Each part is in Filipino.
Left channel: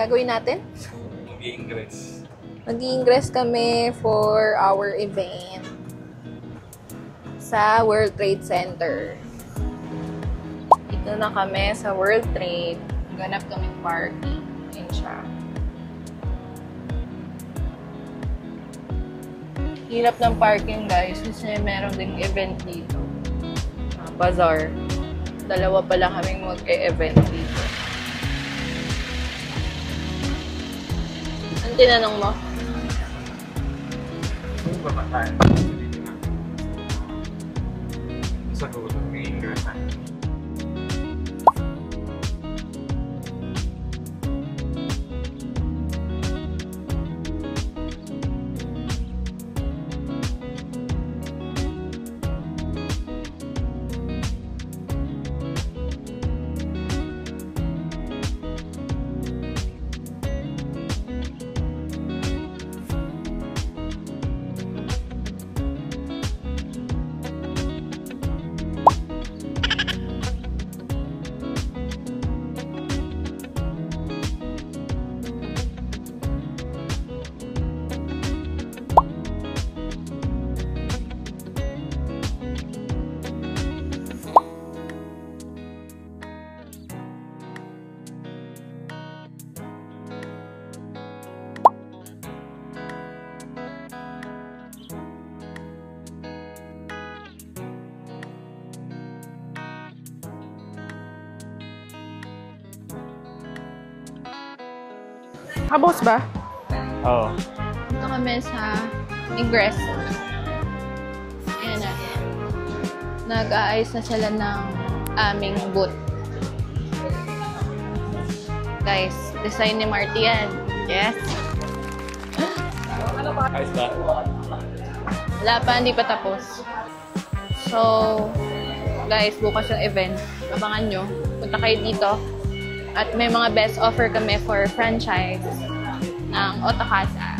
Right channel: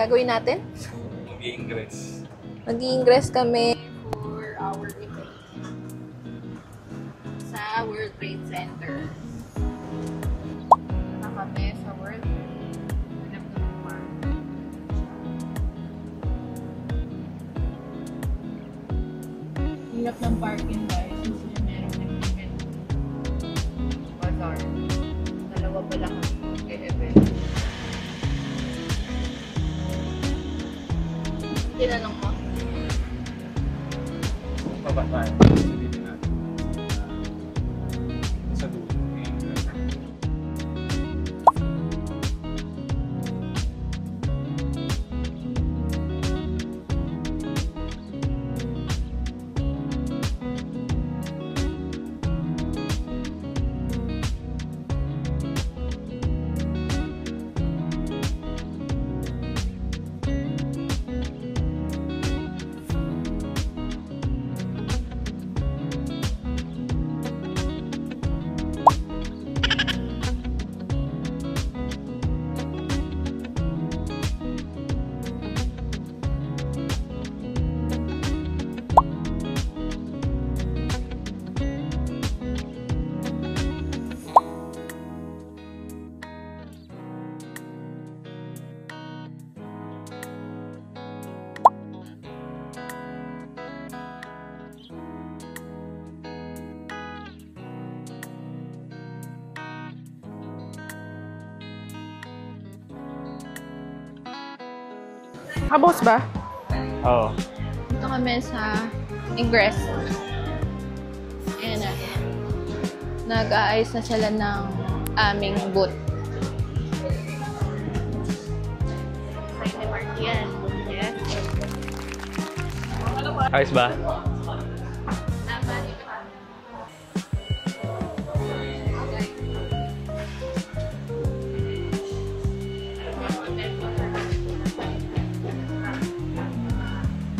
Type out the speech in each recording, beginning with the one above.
gagawin natin? Mag-i-ingress. Mag-i-ingress kami for our event sa World Trade Center. Dito na kami sa World Trade. Ganap kami park. Yun siya. Hirap ng parking, guys, kasi meron din event dito. Bazaar. Dalawa pala kaming mag-e-event dito. Ang tinanong mo? Kung babataan, sa dulo, mag-i-ingress na. Kabos ba? Oo. Dito kami sa Ingress. Ayan na. Nag-aayos na sila ng aming booth. Guys, design ni Marty yan. Yes? Ayos ba? Wala pa, hindi pa tapos. So, guys, bukas yung event. Abangan nyo. Punta kayo dito. At may mga best offer kami for franchise ng Otakasa.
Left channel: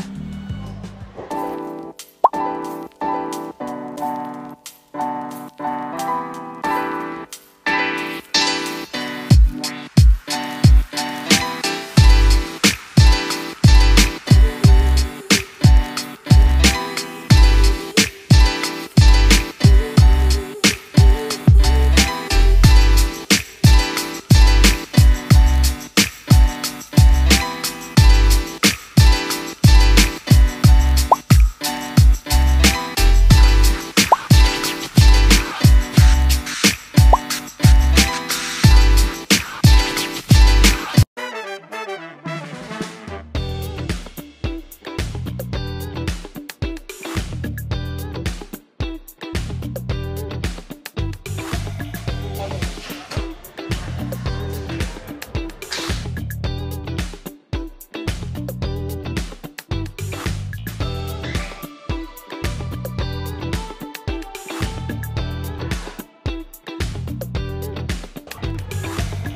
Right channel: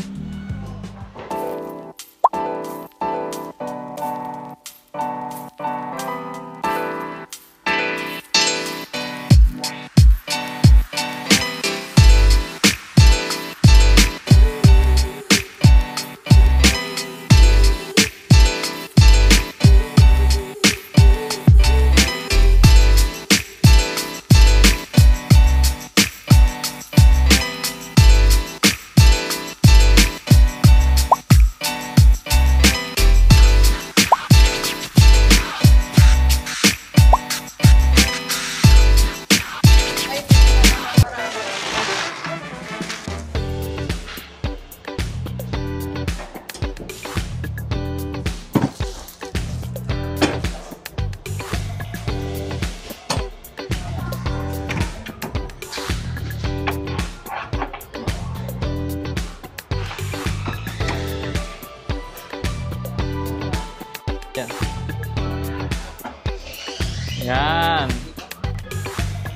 Yan.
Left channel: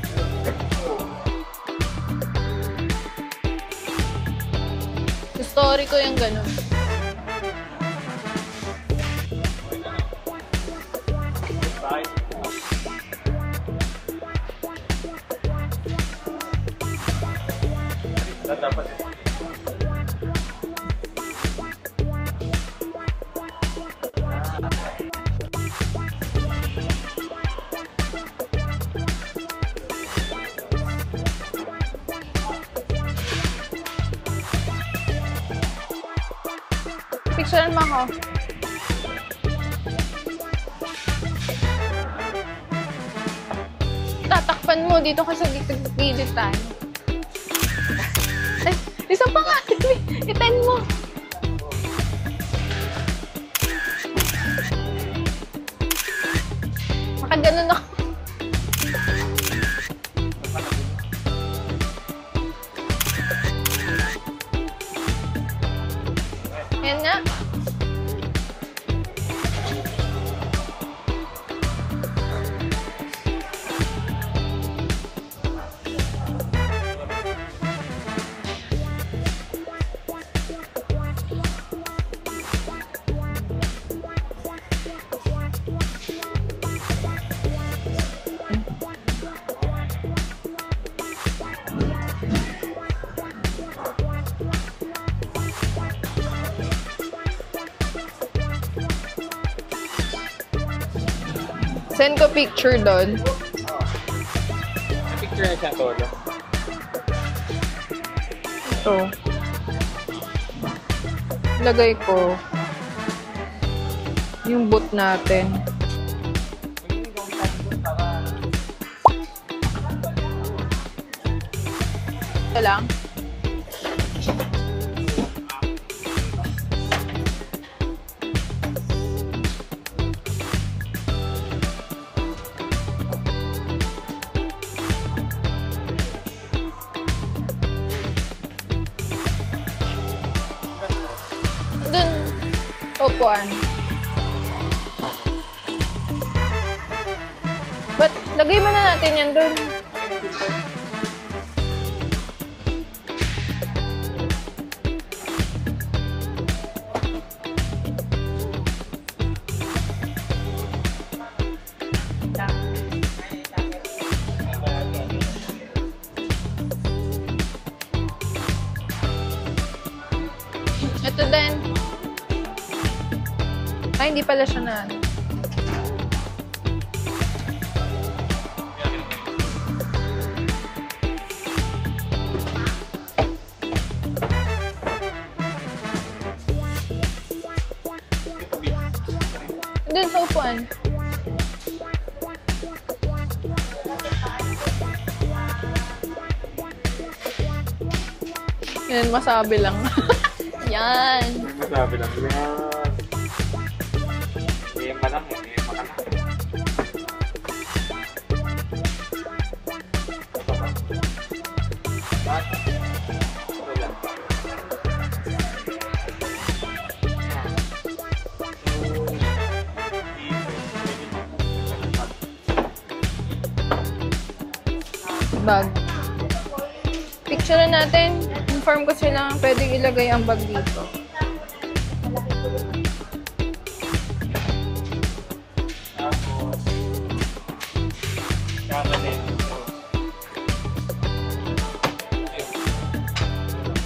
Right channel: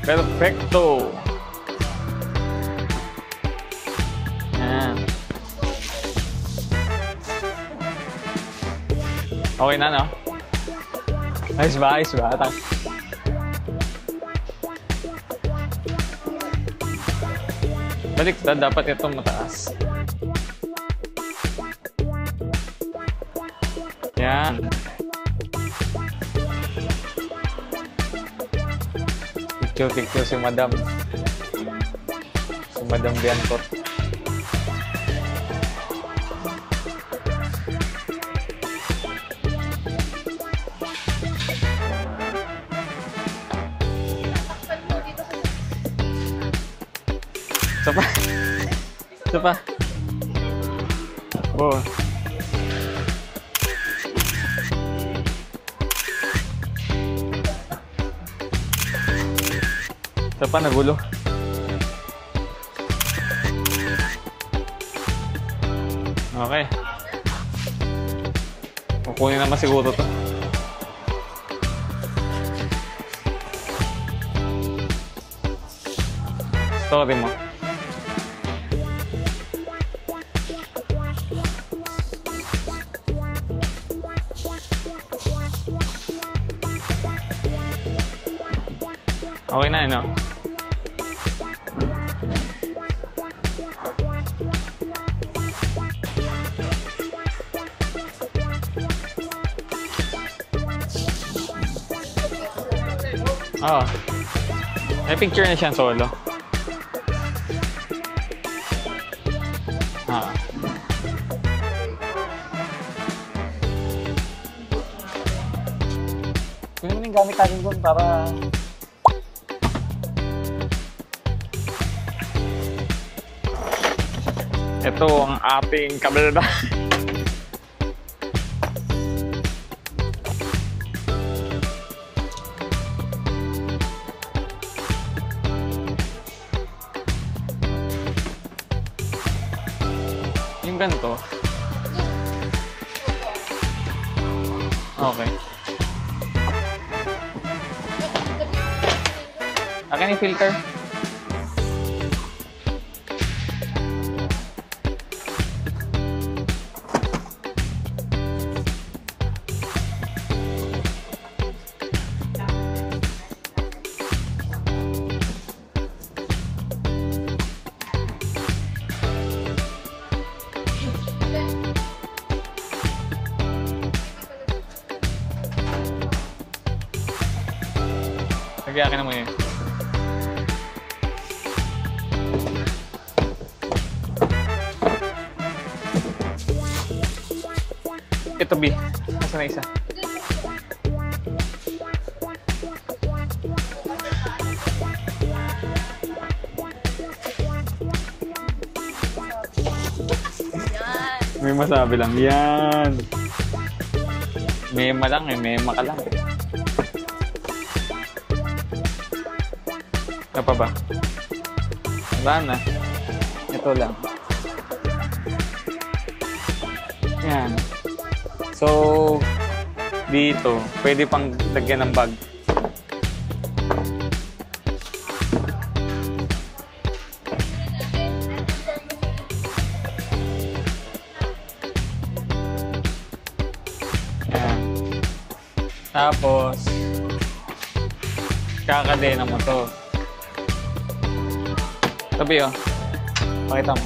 Perfecto. Yan. Story ko yung ganun. Okay na, no? Ayos ba? Ayos ba? Baliktad, dapat itong mataas. Yan. Picture si Madam. Si Madam Bianco. Picturean mo ako. Tatakpan mo dito kasi dito tayo. Isa pa? Isa pa nga. Itain mo. Oo. Baka ganun ako. Isa pa, nagulo. Okay. Yan nga. Kukunin naman siguro to. Story mo. Okay na, no? Send ko picture doon. Oo. May picture na siyang solo. Ito. Ah. Lagay ko. Yung boot natin. Kunin mo yung gamit natin doon para... Ito lang. Ito ang ating kabelda. Yung ganito. Doon. Upuan. Okay. But, lagay mo na natin yan doon. Akin yung filter. Ito din. Ay, hindi pala siya na. Lagyan akin naman yun. Ito, B. Isa na isa. Doon sa upuan. Yan, masabi lang. Yan. May masabi lang. Yan. Mema lang eh. Mema ka lang eh. Ito pa ba? Wala na. Ito lang. Yan. So, dito, pwede pang lagyan ng bag. Bag. Picture natin. Inform ko sila pwede ilagay ang bag dito. Yan. Tapos, kakadena mo to. Tabi oh. Pakita mo.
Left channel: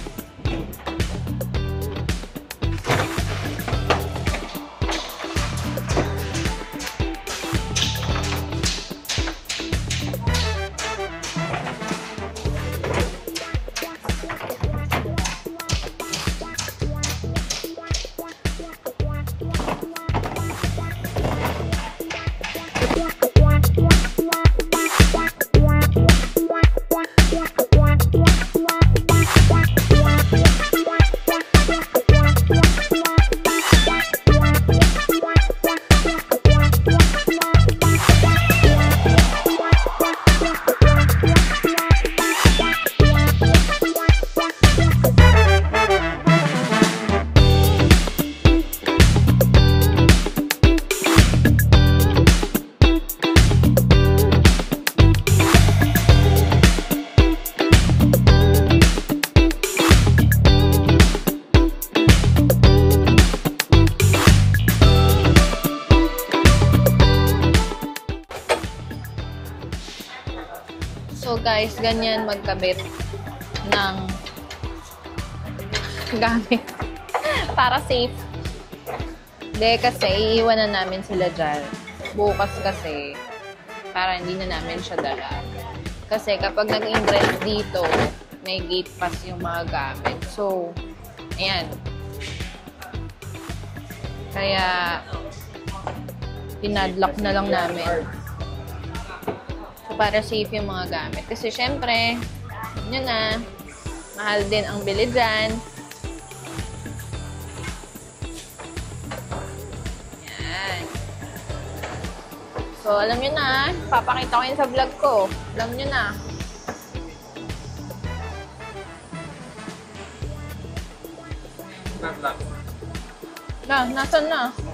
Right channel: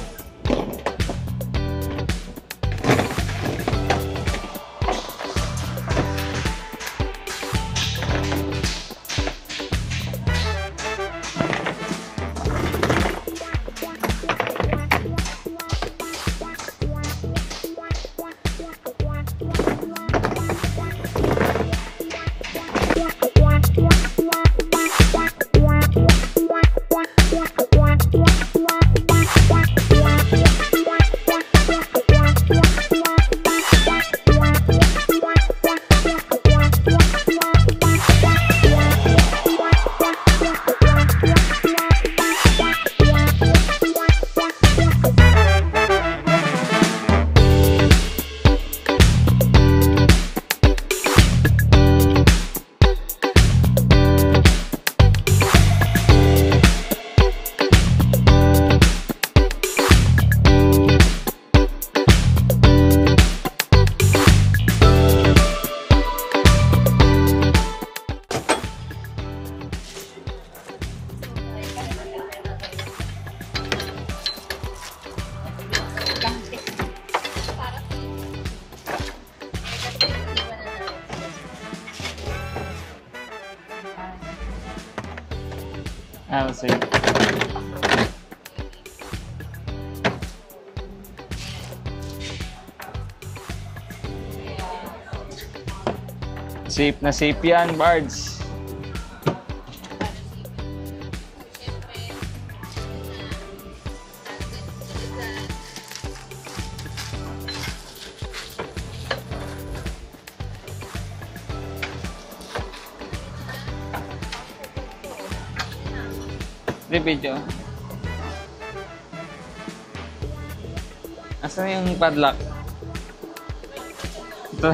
So guys, ganyan magkabit ng gamit para safe. Hindi kasi iiwanan namin sila dyan. Bukas kasi para hindi na namin siya dala. Kasi kapag safe. nag-invest dito, may gate pass yung mga gamit. So, ayan. Kaya, Safe na pinadlock na safe lang yan, namin. Bards. Para safe yung mga gamit. Kasi syempre, yun na, mahal din ang bili dyan. Yan. So, alam nyo na, papakita ko yun sa vlog ko. Alam nyo na. Hindi, video. Asan yung padlock? Nasaan na? Ito.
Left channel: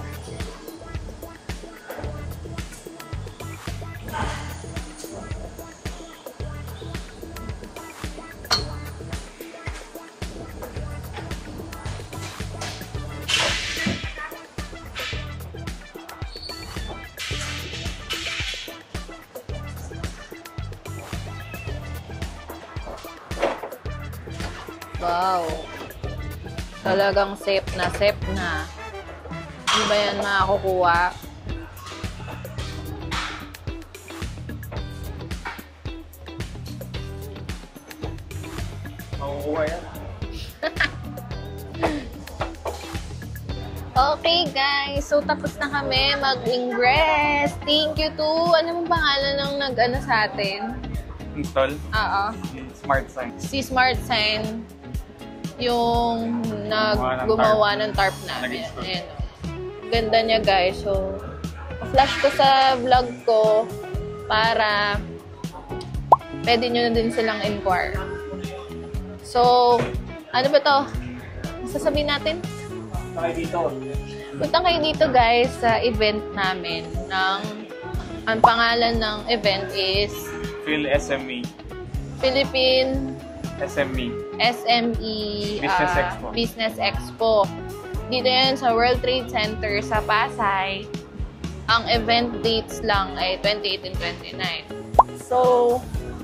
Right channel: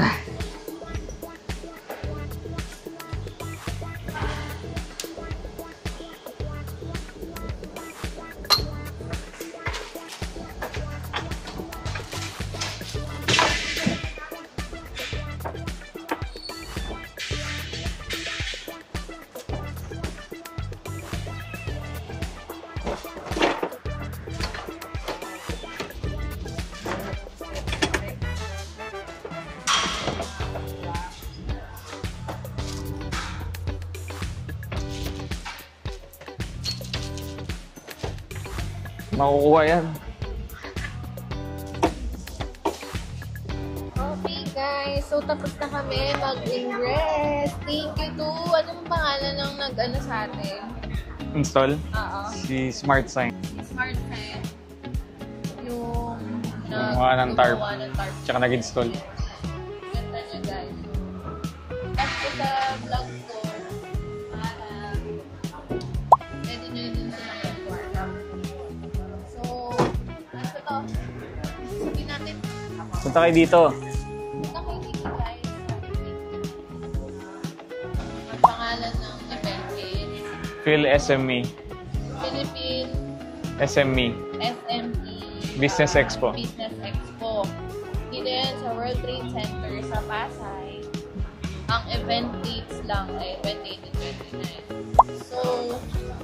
Wow. Talagang safe na safe na. Hindi ba yan makakukuha? Makukuha yan. Okay guys, so tapos na kami mag-ingress. Thank you to, ano mong pangalan ng nag-ano sa atin? Install? Oo. Si Smart Sign. Si Smart Sign, yung Gumawa ng tarp Tsaka namin. nag-install. Ayan. Ganda niya guys. So, flash ko sa vlog ko para pwede nyo na din silang inquire. So, ano ba to? Sasabihin natin? Punta kayo dito. Punta kayo dito guys sa event namin ng ang pangalan ng event is Phil SME. Philippine SME. SME Business Expo. Business Expo. Dito yan sa World Trade Center sa Pasay. Ang event dates lang ay 28 and 29. So,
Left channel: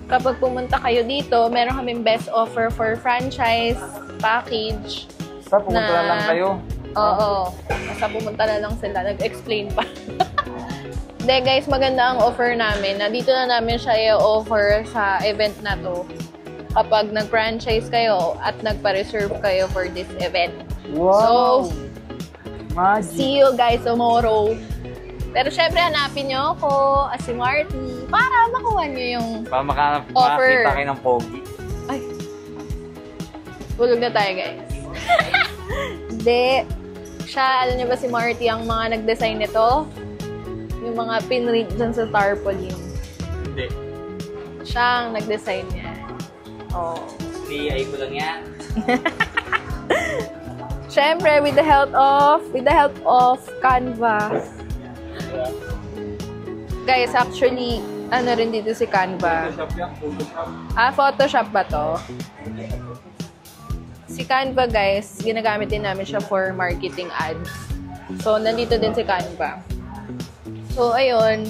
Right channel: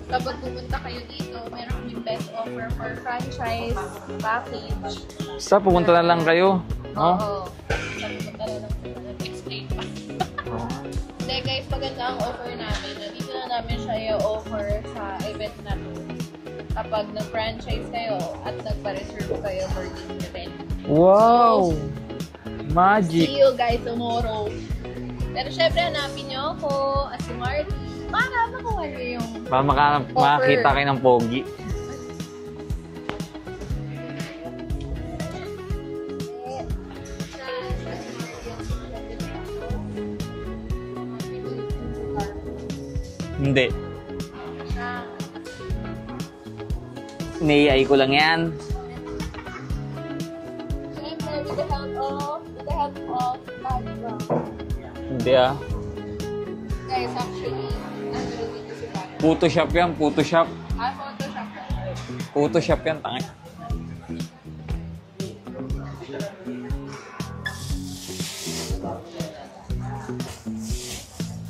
kapag pumunta kayo dito, meron kaming best offer for franchise package. Basta pumunta na lang kayo. Oo. Basta pumunta na lang sila. Nag-explain pa. Hindi guys, maganda ang offer namin. Na dito na namin siya i-offer sa event na to kapag nag-franchise kayo at nagpa-reserve kayo for this event. Wow! So, Magic! see you guys tomorrow. Pero syempre, hanapin nyo ako as si Marty para makuha nyo yung offer. Makakita kayo ng pogi. Ay. Bulog na tayo guys. Hindi. Siya, alam niyo ba si Marty ang mga nag-design nito? Yung mga pinrint dyan sa tarpaulin. Hindi. Siya ang nag-design niya. Oh. Ni-AI ko lang yan. Siyempre, with the help of Canva. Hindi ah. Guys, actually, ano rin dito si Canva. Photoshop yan, Photoshop. Photoshop ba to? Photoshop yan, tangin. Si Canva, guys, ginagamit din namin siya for marketing ads. So, nandito din si Canva. So, ayun.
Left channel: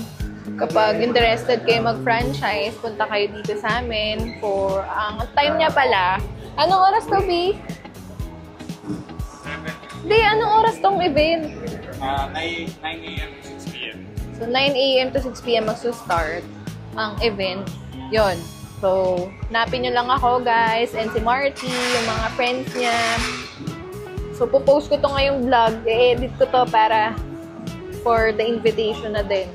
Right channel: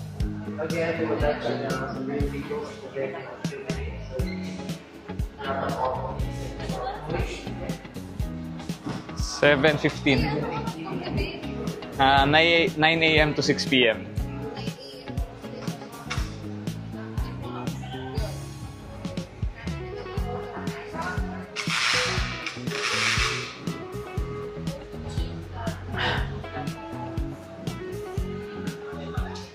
Kapag interested kayo mag-franchise, punta kayo dito sa amin for ang time niya pala. Anong oras to, B? 7:15. Anong oras tong event? 9 a.m. to 6 p.m. So, 9 a.m. to 6 p.m. magsa-start ang event. Yon. So, hanapin nyo lang ako, guys, and si Marty, yung mga friends niya. So, pupost ko to ngayong vlog. I-edit ko to para for the invitation na din.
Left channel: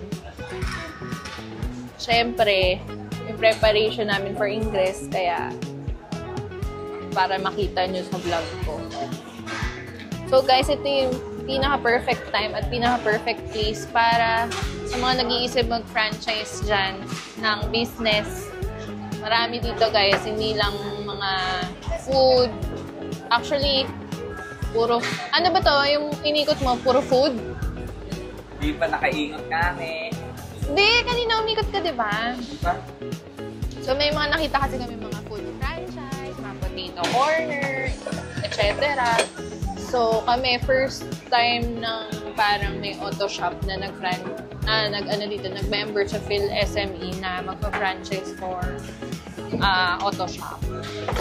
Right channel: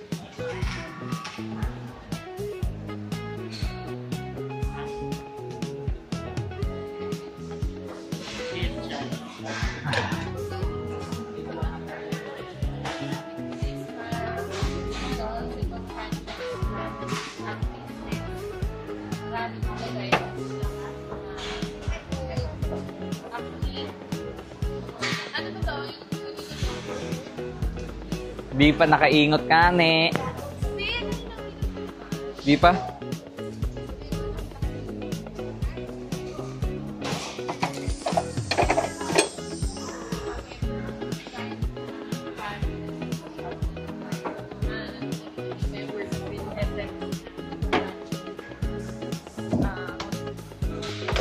Siyempre, yung preparation namin for Ingress, kaya para makita nyo sa vlog ko. So, guys, ito yung pinaka-perfect time at pinaka-perfect place para sa mga nag-iisip mag-franchise dyan ng business. Marami dito guys, hindi lang mga food. Actually, puro, ano ba to? Yung inikot mo, puro food? Di pa nakaingot ka, ne. Hindi, kanina umikot ka, di ba? Di pa? So, may mga nakita kasi kami mga food franchise, mga potato corner, etc. So, kami, first time ng parang may auto shop na nag-member sa Phil SME na magpa-franchise for auto shop.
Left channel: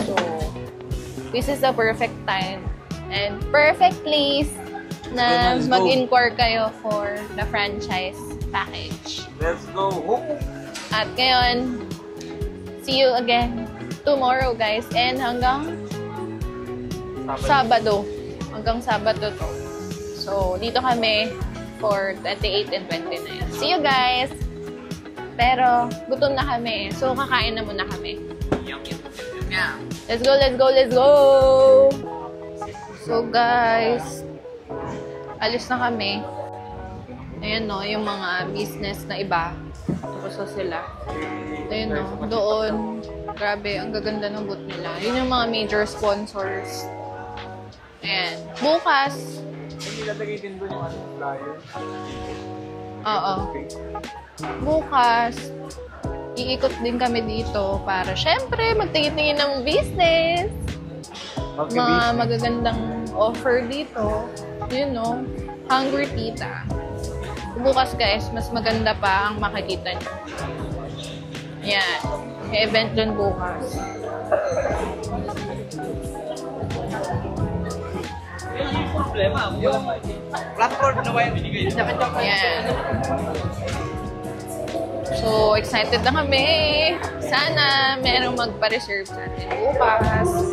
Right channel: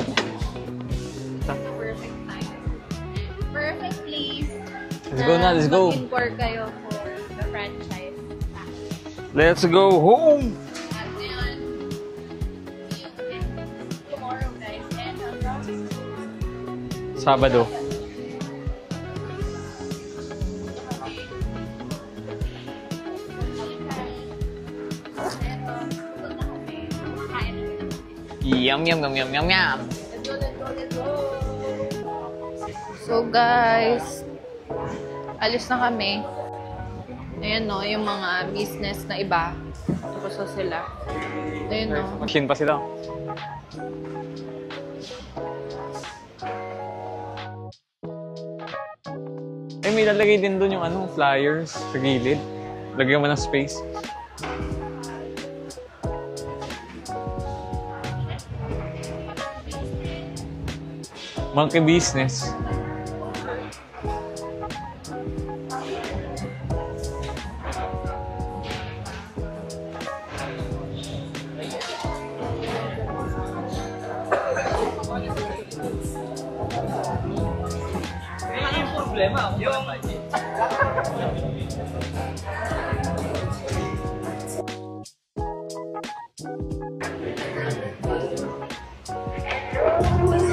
So, this is the perfect time and perfect place na mag-inquire kayo for the franchise package. Let's go home! At ngayon, see you again tomorrow, guys. And hanggang Sabado. Hanggang Sabado to. So, dito kami for 28 and 29. See you guys! Pero, gutom na kami. So, kakain na muna kami. Yum, yum, yum, yum, yum, yum. Let's go, let's go, let's go! So, guys, alis na kami. Ayan, no, yung mga business na iba. Tapos na sila. Ayun, no, Machine pa sila. Grabe, ang gaganda ng booth nila. Yun yung mga major sponsors. Ayan. Bukas, May lalagay din doon yung flyers sa gilid. Lagyan mo ng space. bukas, iikot din kami dito para syempre magtingin-tingin ng business. Monkey Mga business. magagandang offer dito. Yun, no? Hungry Tita. Bukas, guys, mas maganda pa ang makikita nyo. Yan. May event dun bukas. Yung platform na ba yung binigay? Yan. So, excited na kami. Sana merong magpa-reserve na bukas.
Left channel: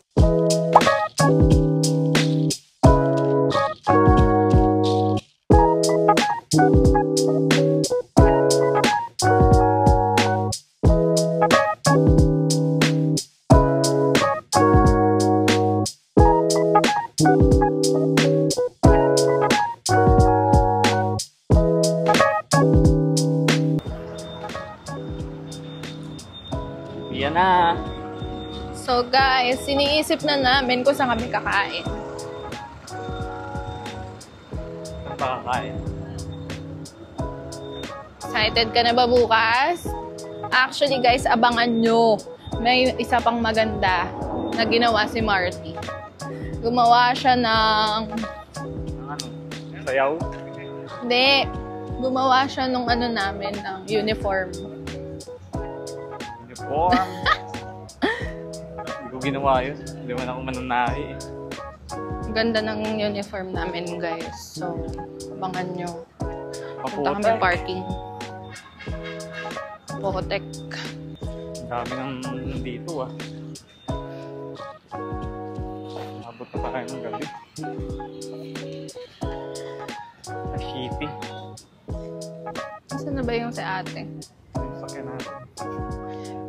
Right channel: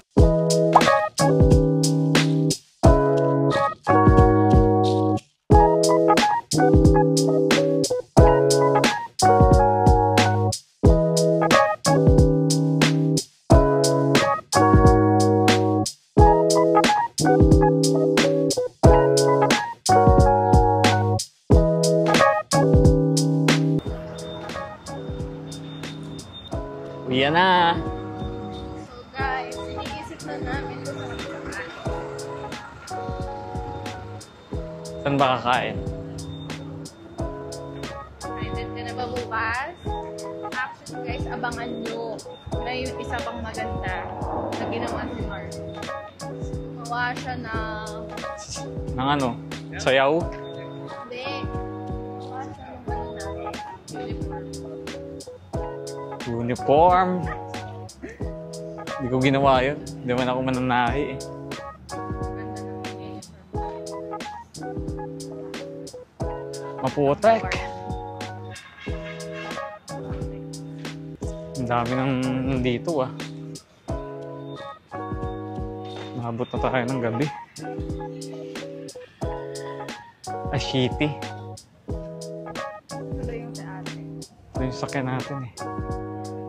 iniisip na namin kung saan kami kakain. Saan ba kakain? Excited ka na ba bukas? Actually guys, abangan nyo. May isa pang maganda na ginawa si Marty. Gumawa siya ng... Ng ano? Sayaw? Hindi. Gumawa siya nung ano namin, ng uniform. Uniform? Hindi ko ginawa yun. Hindi man ako mananahi eh. Ang ganda ng uniform namin guys. So, abangan nyo. Punta Maputek. kami parking. Putek. Ang dami nang nandito ah. Maabot na tayo ng gabi. Shitty. Saan na ba yung sa ate? Ito yung sakyan natin eh.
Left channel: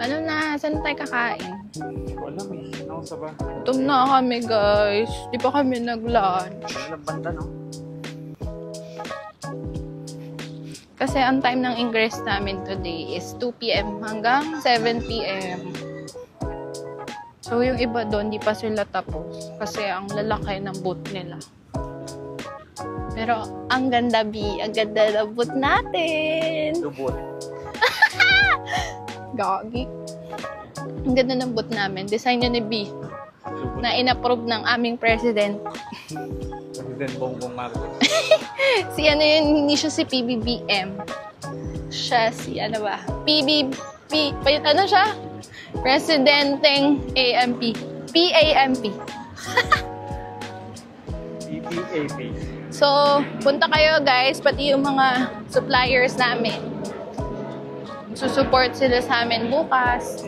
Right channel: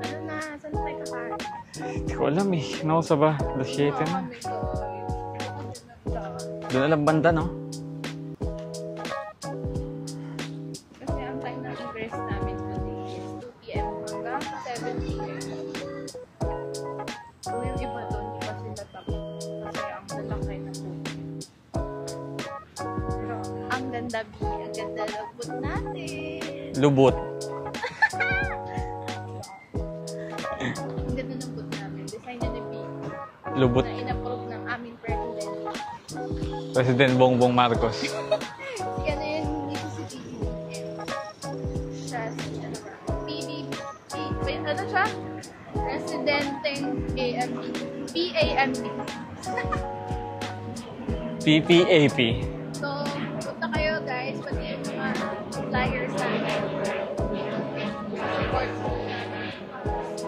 Ano na? Saan tayo kakain? Hindi ko alam eh. Nausa ba? Gutom na kami guys. Di pa kami nag-lunch. Doon alam banda no? Kasi ang time ng ingress namin today is 2 p.m. hanggang 7 p.m. So yung iba doon, di pa sila tapos. Kasi ang lalaki ng boot nila. Pero ang ganda, B. Ang ganda ng boot natin. Lubot. Gagi. Ang ganda ng boot namin. Design yun ni B. Lubot. Na in-approve ng aming president. President Bongbong Marcos. Si ano yun, hindi siya si PBBM. Siya si ano ba? Ano siya? Presidenteng AMP. PAMP. PPAP. So, punta kayo guys, pati yung mga suppliers namin. Susupport sila sa amin bukas.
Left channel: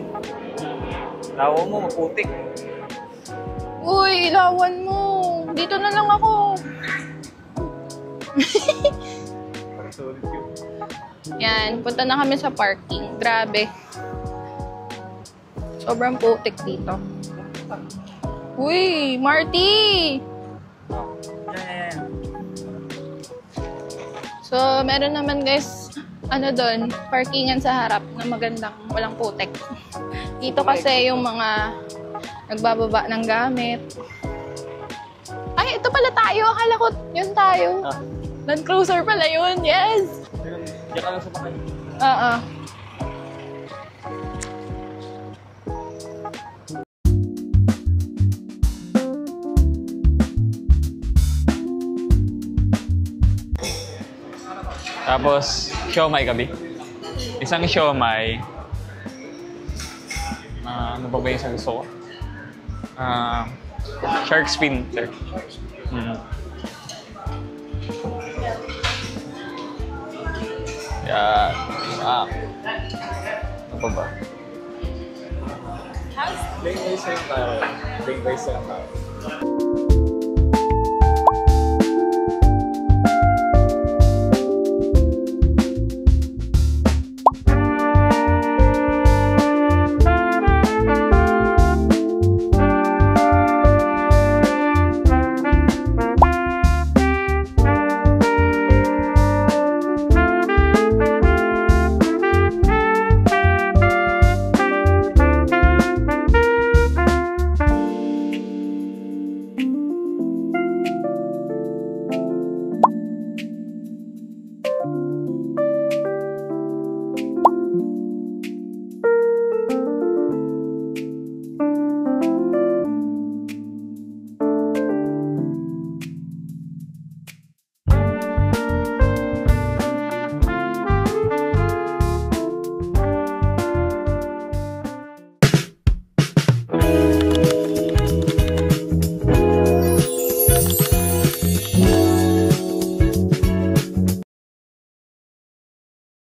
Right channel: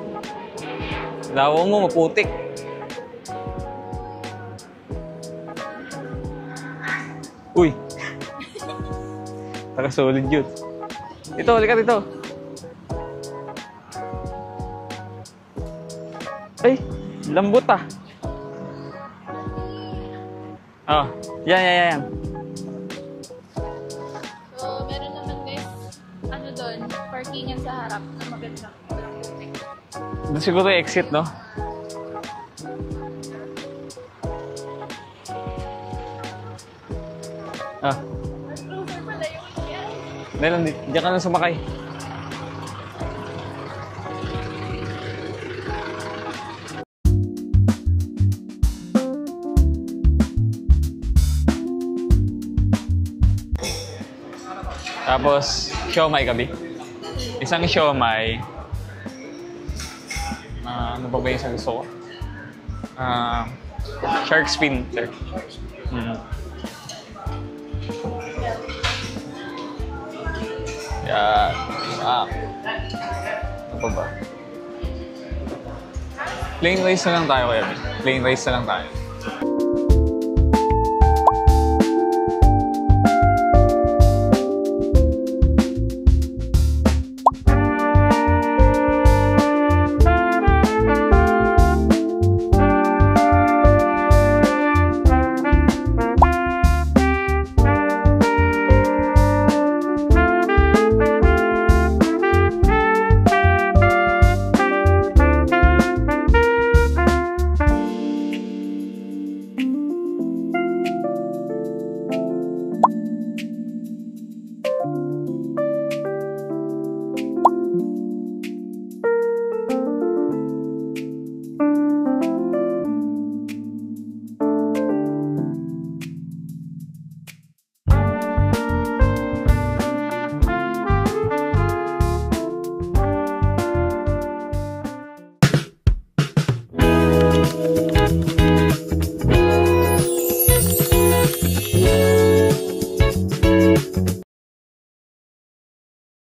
Lawa mo, maputik. Uy, ilawan mo. Dito na lang ako. Uy. Nakasolid yun. Ito, Yan, halika dito. punta na kami sa parking. Grabe. Sobrang putik dito. Lambot ah. Uy, Marty! Oh, yan. So, meron naman guys, ano doon, parkingan sa harap na magandang walang putek. Doon Dito siguro kasi exit, yung no? mga nagbababa ng gamit. Ay, ito pala tayo. Akala ko yun tayo. Ah, Land Cruiser pala yun. Yes! dahil diyan ka lang sumakay. Oo. Tapos, siomay gabi. Isang siomay. Ano pa ba yung sa gusto ko? Shark fin, sir. Yan. Ano pa ba? Plain rice na lang tayo ngayon. Plain rice na lang tayo.